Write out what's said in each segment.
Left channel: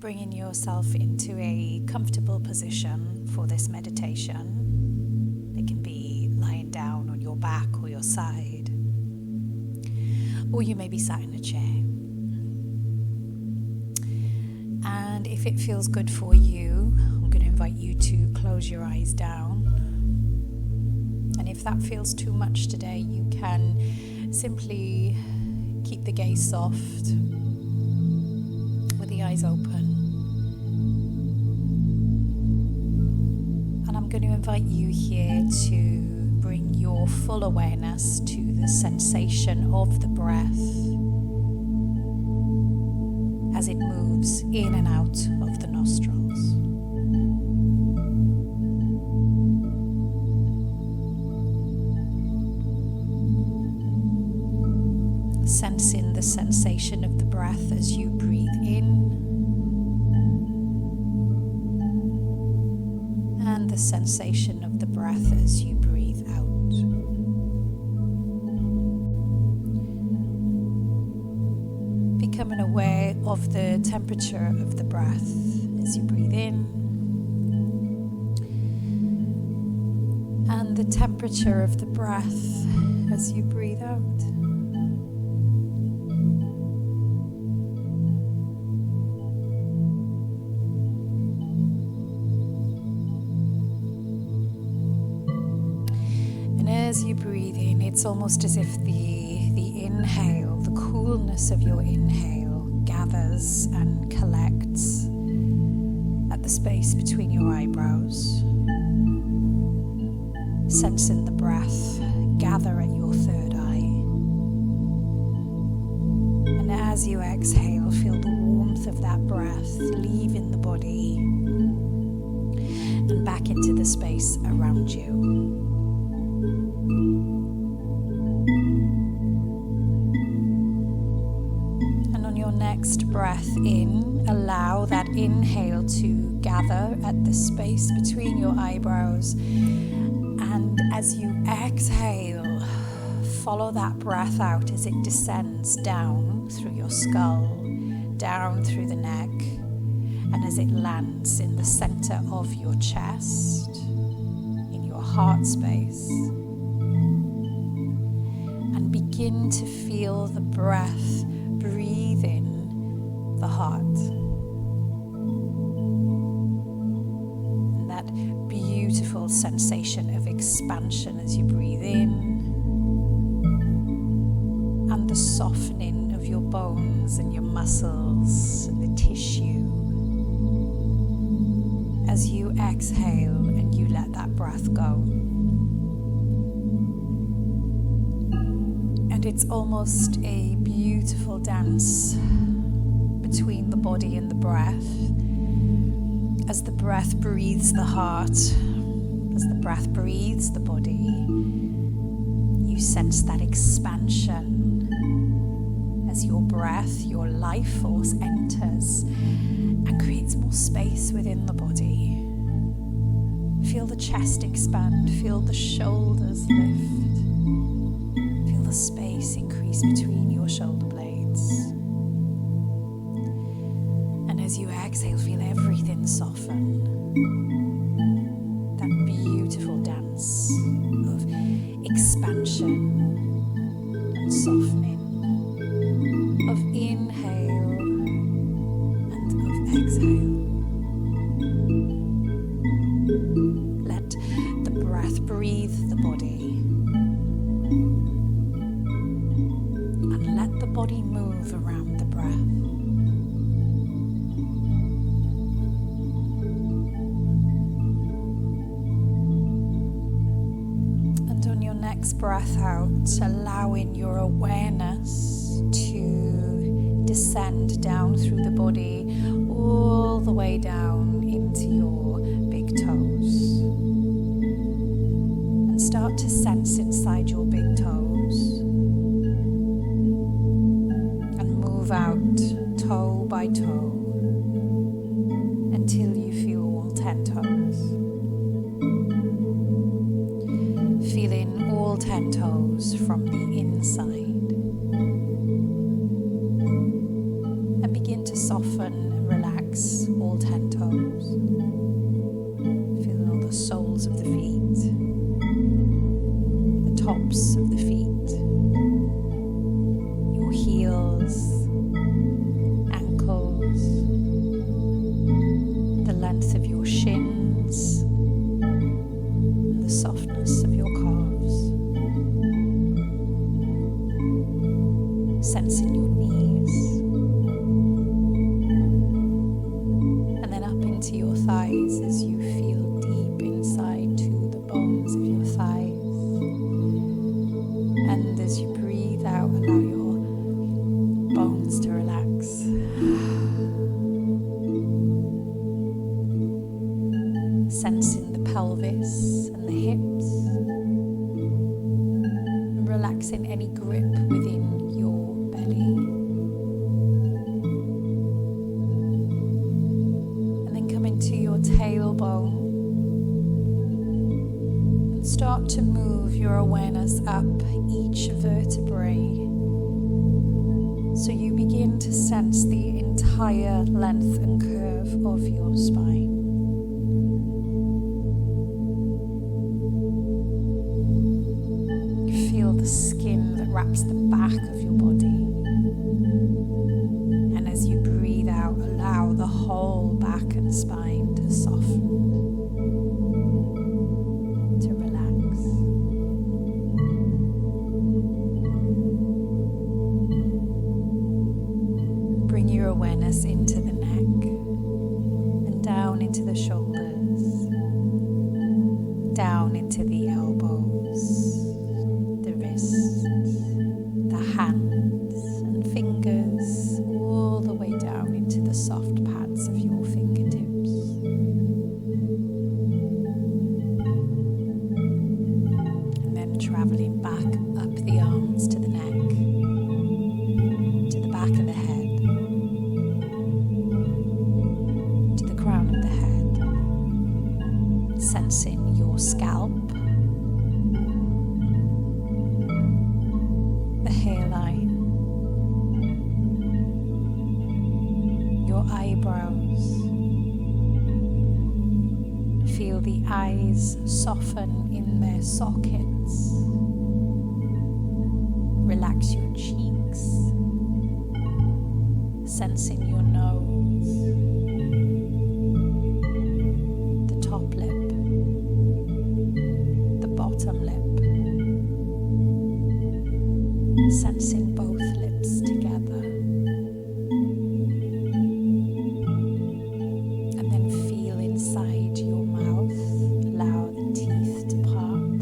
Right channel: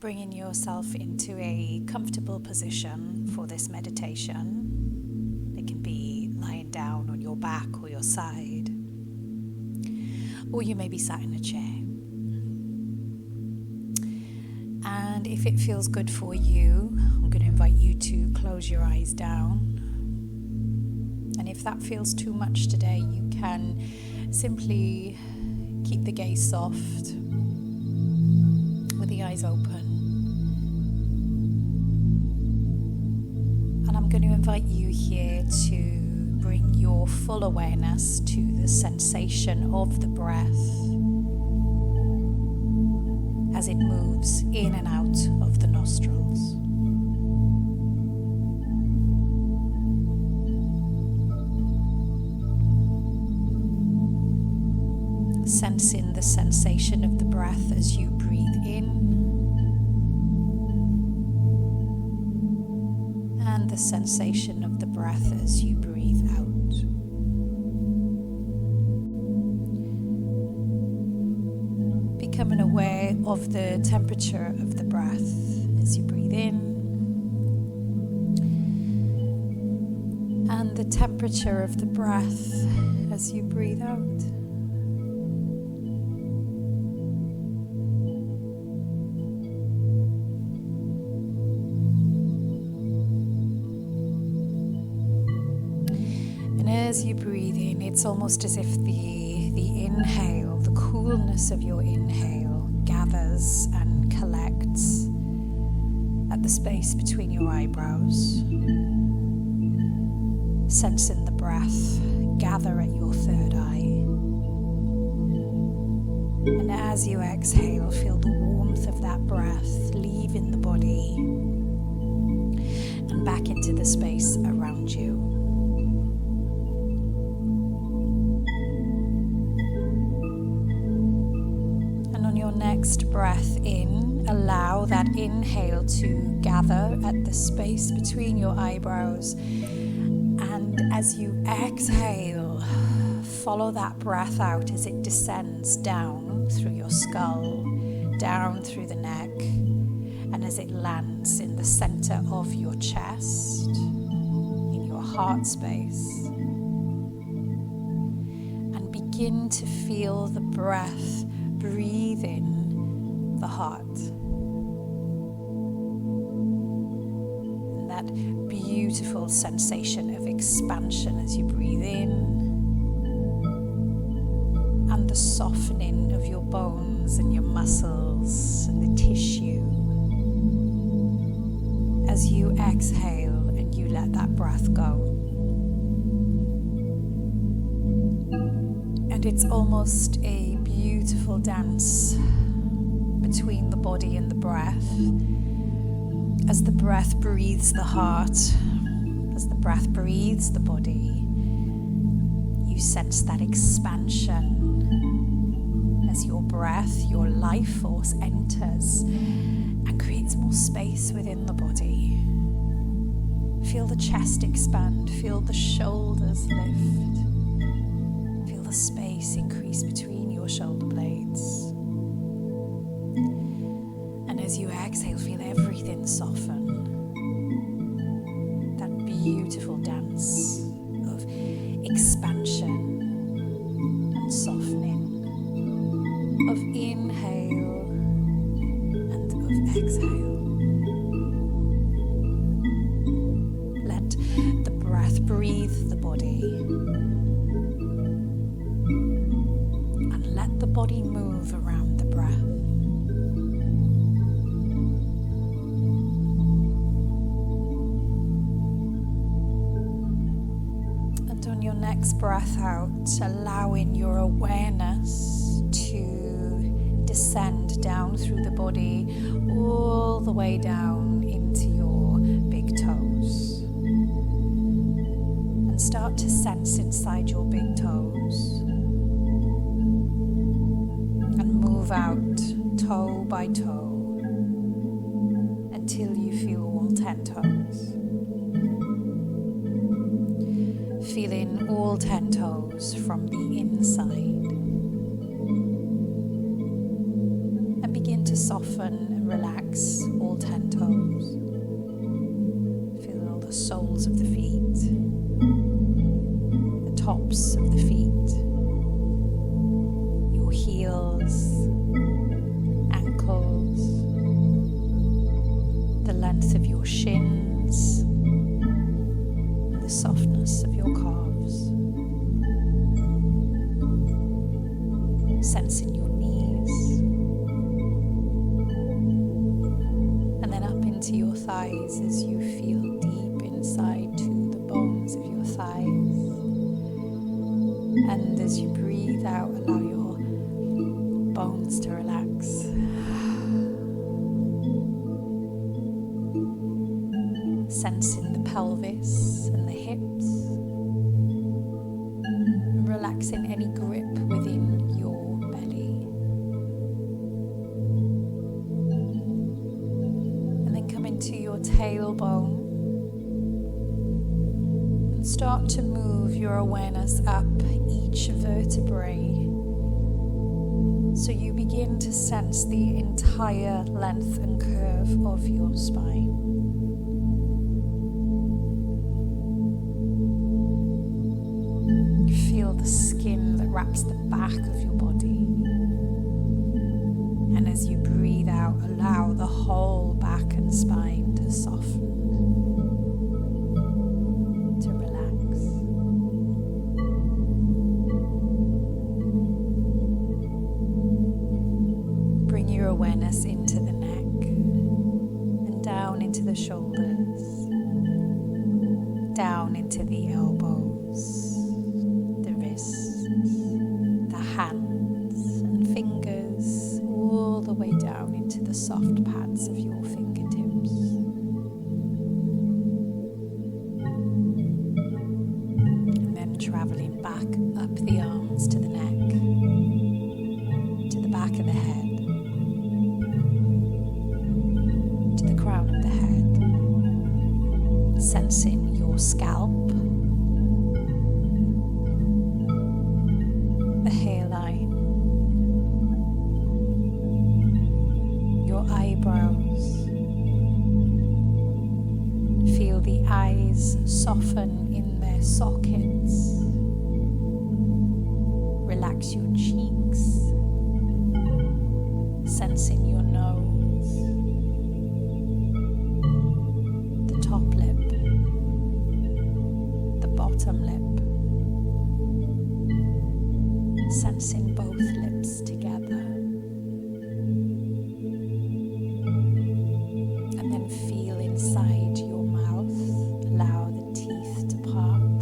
Bringing yourself into a comfortable position for this meditation. It can be lying down on your back or your side, or you may be sat in a chair. And if it feels good for you, I'm going to invite you to close your eyes down. And if that feels too much today, you can simply keep the gaze soft with the eyes open. And I'm going to invite you here to bring your full awareness to the sensation of the breath as it moves in and out of the nostrils. Sensing the sensation of the breath as you breathe in and the sensation of the breath as you breathe out. Becoming aware of the temperature of the breath as you breathe in and the temperature of the breath as you breathe out. As you breathe in, it's almost as if the inhale, the coolness of your inhale gathers and collects at the space between your eyebrows. Sensing the breath gather at your third eye. And as you exhale, feel the warmth of that breath leaving the body and back into the space around you. Next breath in, allow that inhale to gather at the space between your eyebrows, and as you exhale, follow that breath out as it descends down through your skull, down through the neck, and as it lands in the center of your chest, in your heart space, and begin to feel the breath breathe in the heart. And that beautiful sensation of expansion as you breathe in, and the softening of your bones and your muscles and the tissue as you exhale and you let that breath go. And it's almost a beautiful dance between the body and the breath. As the breath breathes the heart, as the breath breathes the body, you sense that expansion as your breath, your life force enters and creates more space within the body. Feel the chest expand, feel the shoulders lift. The space increase between your shoulder blades. And as you exhale, feel everything soften. That beautiful dance of expansion and softening, of inhale and of exhale. Let the breath breathe the body. Let the body move around the breath. And on your next breath out, allowing your awareness to descend down through the body, all the way down into your big toes. And start to sense inside your big toes. Out toe by toe until you feel all 10 toes. Feeling all 10 toes from the inside. And begin to soften and relax all 10 toes. Feel all the soles of the feet, the tops of the feet, your heels, ankles, the length of your shins, and the softness of your calves. Sensing your knees, and then up into your thighs as you feel deep inside to the bones of your thighs. And as you breathe out, allow your bones to relax. Sensing the pelvis and the hips, and relaxing any grip within your belly. And then come into your tailbone and start to move your awareness up each vertebrae, so you begin to sense the entire length and curve of your spine. Feel the skin that wraps the back of your body. And as you breathe out, allow the whole back and spine to soften, to relax. Bring your awareness into the neck and down into the shoulders, down into the elbows, the wrists, the hands and fingers, all the way down into the soft pads of your fingertips. And then traveling back up the arms to the neck, to the back of the head, to the crown of the head, sensing your scalp, the hairline, your eyebrows. Feel the eyes soften in their sockets. Relax your cheeks, sensing your nose, the top lip, the bottom lip. Sensing both lips together, and then feel inside your mouth. Allow the teeth to part,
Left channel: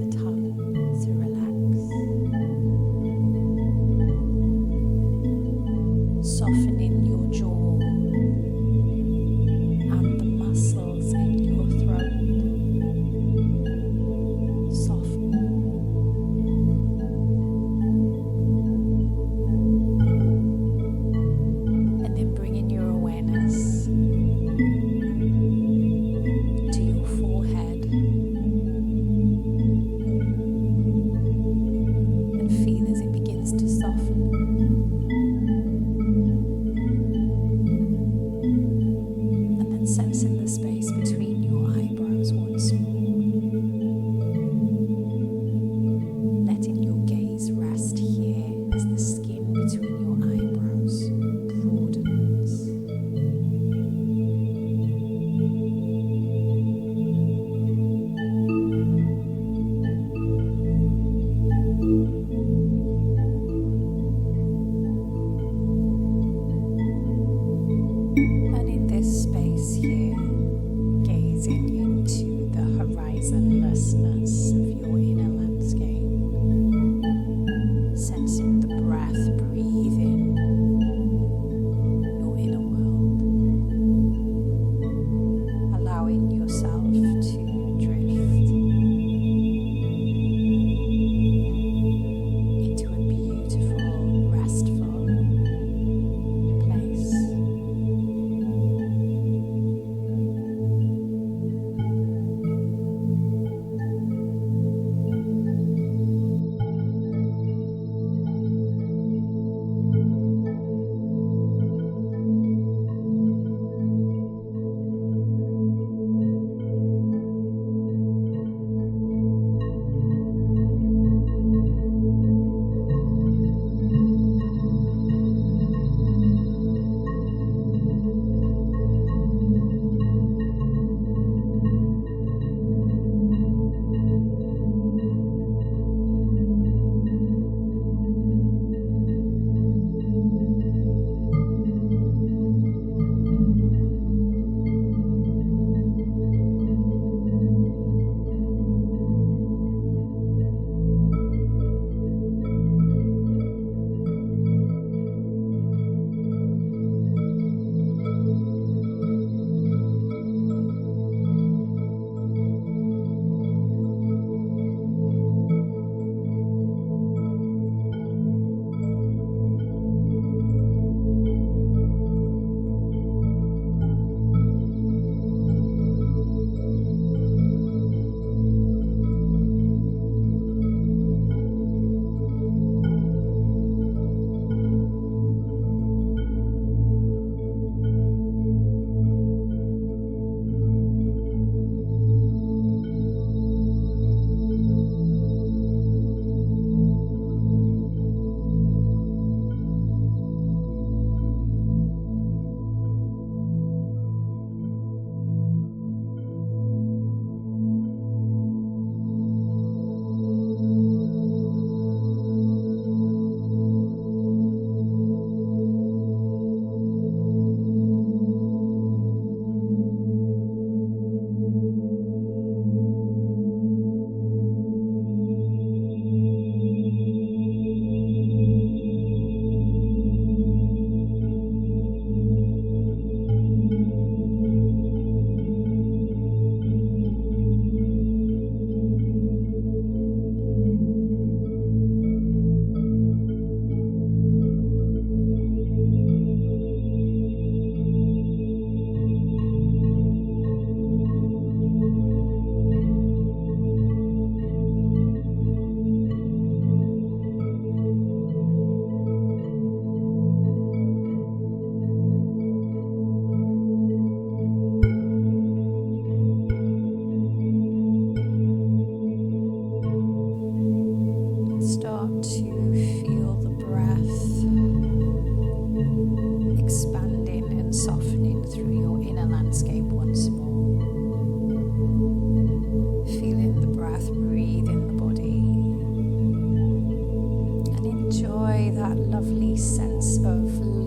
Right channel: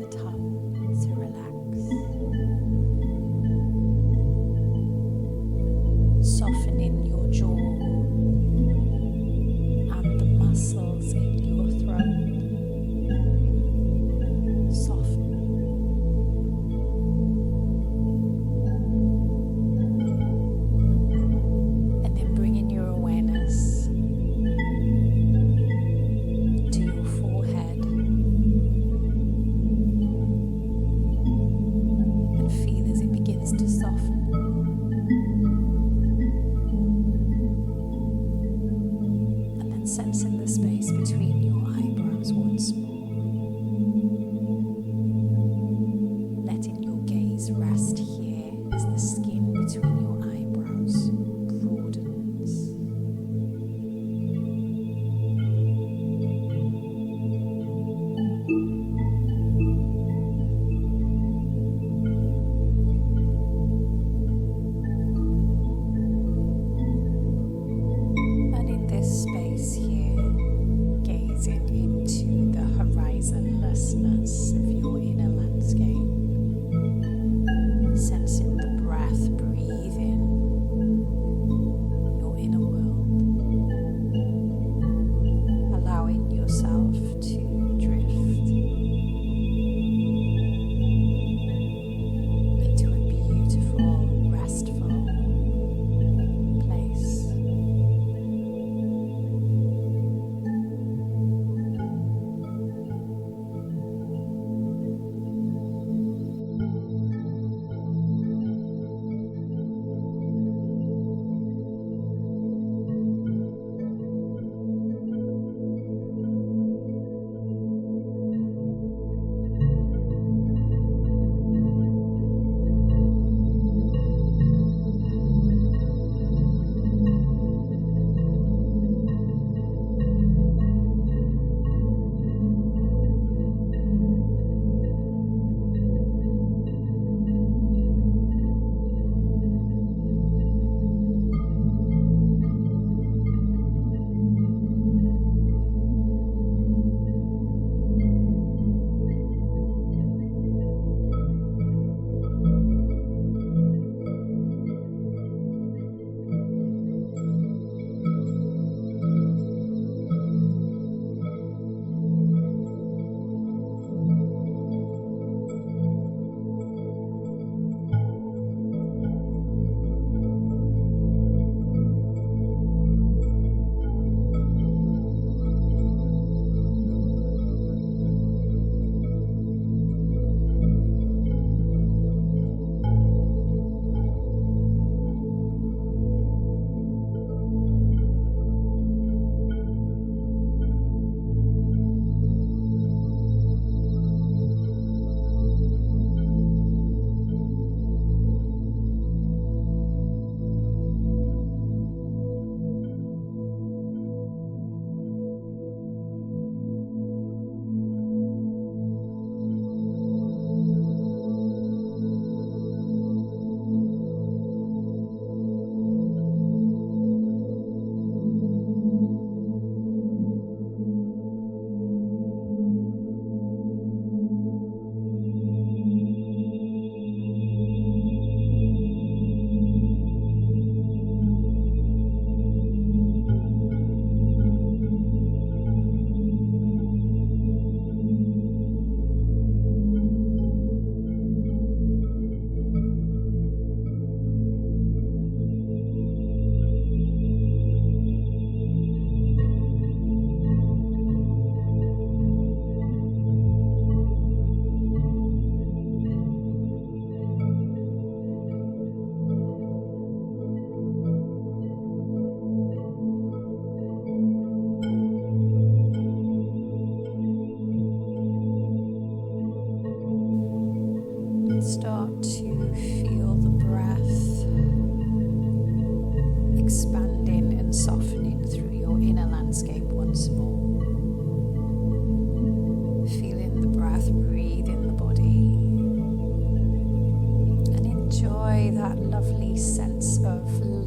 the tongue to relax, softening your jaw and the muscles in your throat. Soften. To soften, and then sensing the space between your eyebrows once more, letting your gaze rest here as the skin between your eyebrows broadens. Space here, gazing into the horizonlessness of your inner landscape, sensing the breath breathing your inner world, allowing yourself to drift into a beautiful, restful place.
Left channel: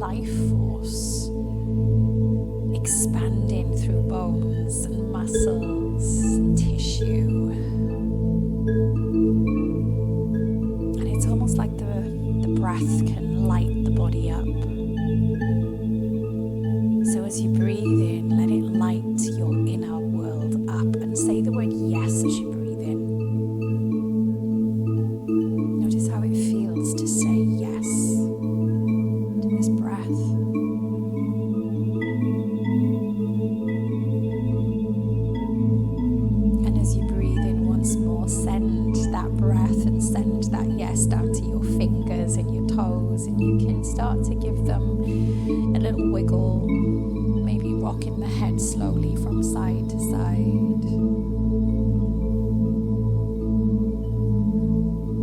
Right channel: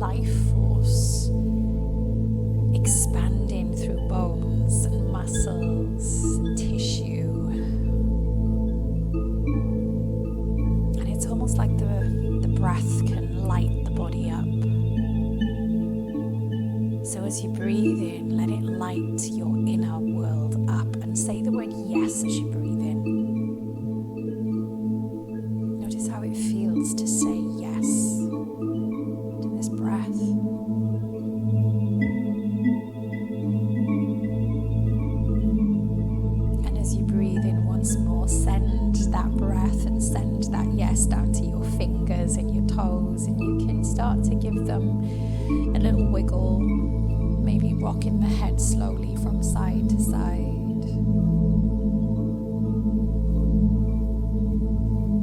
life force expanding through bones and muscles and tissue. And it's almost like the breath can light the body up. So as you breathe in, let it light your inner world up, and say the word yes as you breathe in. Notice how it feels to say yes to this breath. And as you breathe in once more, send that breath and send that yes down to your fingers and your toes, and you can start to give them a little wiggle, maybe rocking the head slowly from side to side.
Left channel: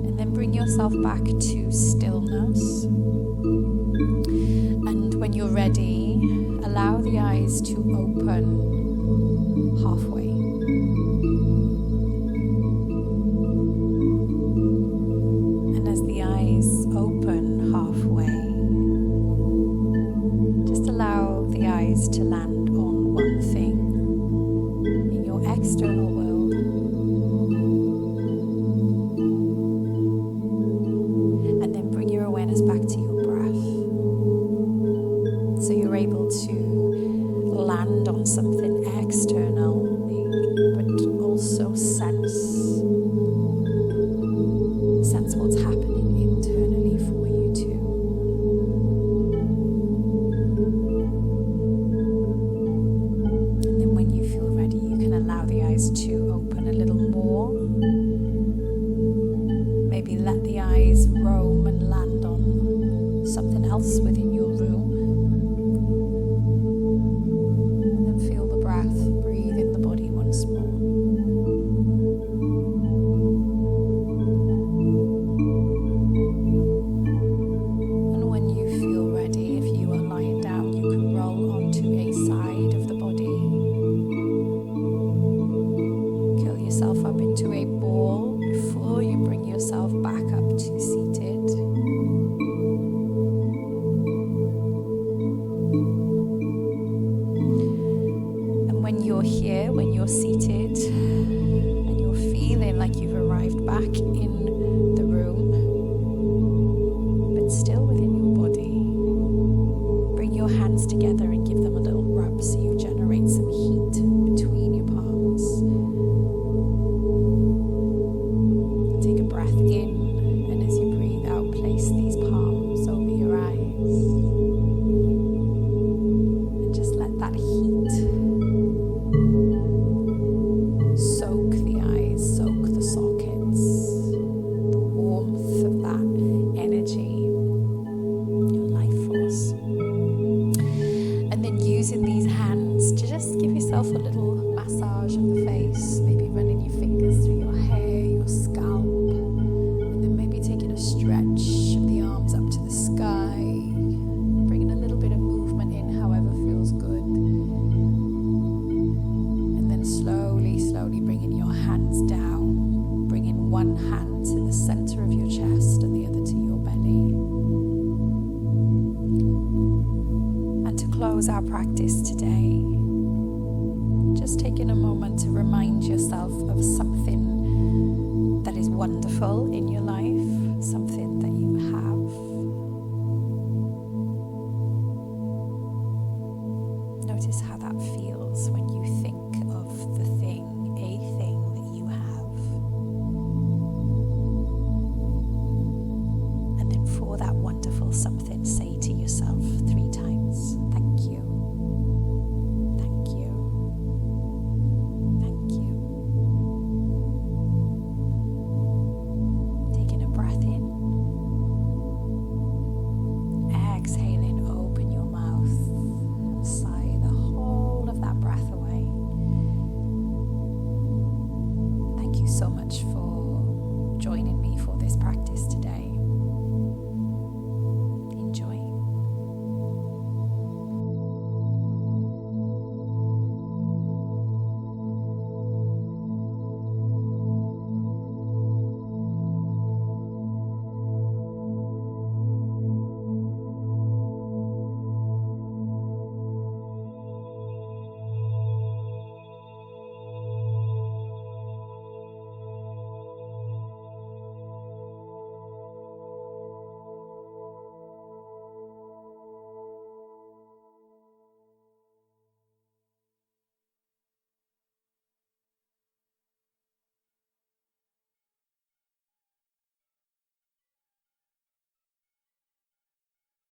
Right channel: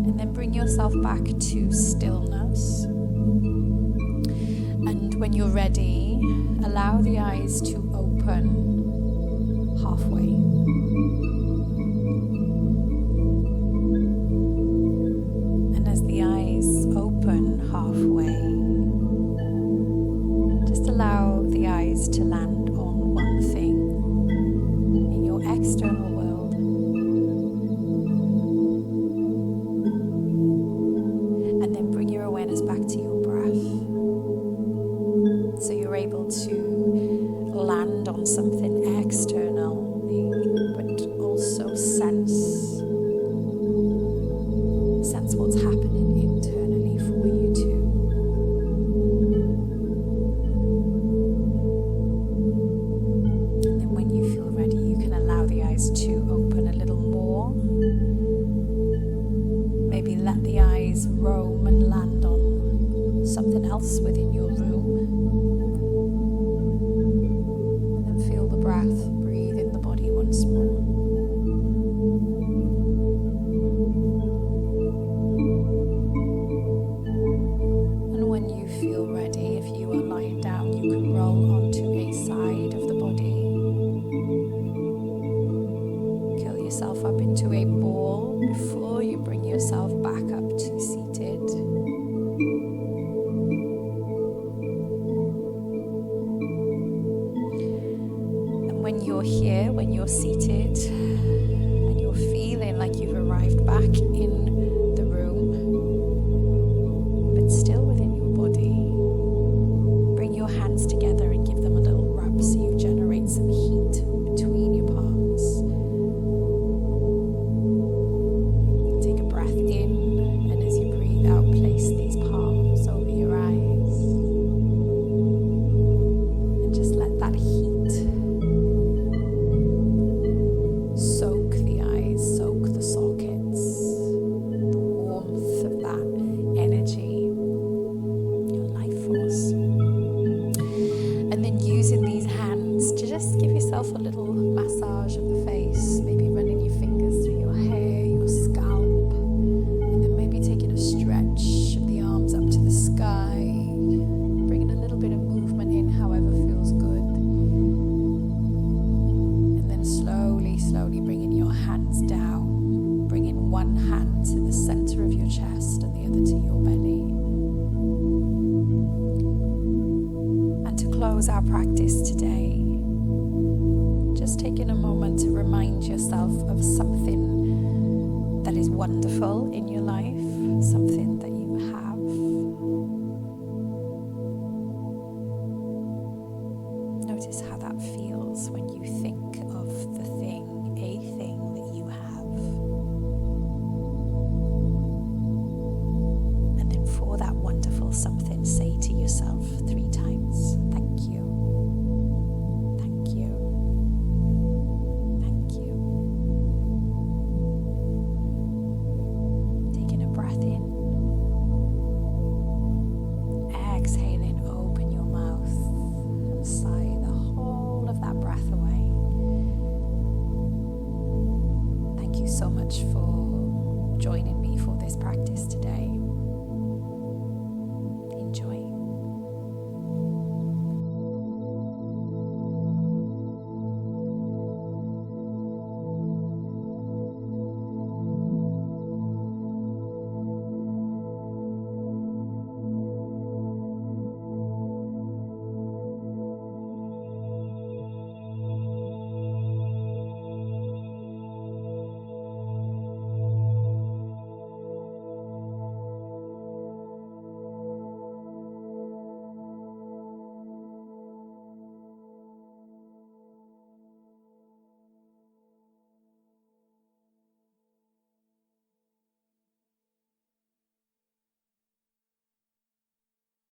And then bring yourself back to stillness. And when you're ready, allow the eyes to open halfway. And as the eyes open halfway, just allow the eyes to land on one thing in your external world. And then bring your awareness back to your breath. So you're able to land on something external, but also sense what's happening internally for you too. And then when you feel ready, you can allow the eyes to open a little more. Maybe let the eyes roam and land on something else within your room. And then feel the breath breathe in the body once more. And when you feel ready, if you are lying down, you can roll onto a side of the body. Curl yourself up into a ball before you bring yourself back up to seated. And when you're here, when you're seated, and you're feeling like you've arrived back in the room, but still within your body, bring your hands together and give them a little rub so you generate some heat between your palms. Take a breath in, and as you breathe out, place these palms over your eyes. And just let that heat soak the eyes, soak the sockets, the warmth of that energy, your life force. And then using these hands to just give yourself a little massage of the face, maybe running your fingers through your hair, your scalp, and then maybe taking a stretch of the arms up to the sky, bringing a little bit of movement in however feels good. And then slowly bringing your hands down, bringing one hand to the center of your chest and the other to your belly. And to close our practice today, just taking a moment to remind yourself of something that is wonderful in your life, something that you have. Notice how that feels when you think of the thing, a thing that you have. And then for that wonderful something, say to yourself 3 times, thank you. Thank you. Thank you. Taking a breath in. Exhaling, open your mouth and sigh the whole of that breath away. Thank you so much for joining me for this practice today.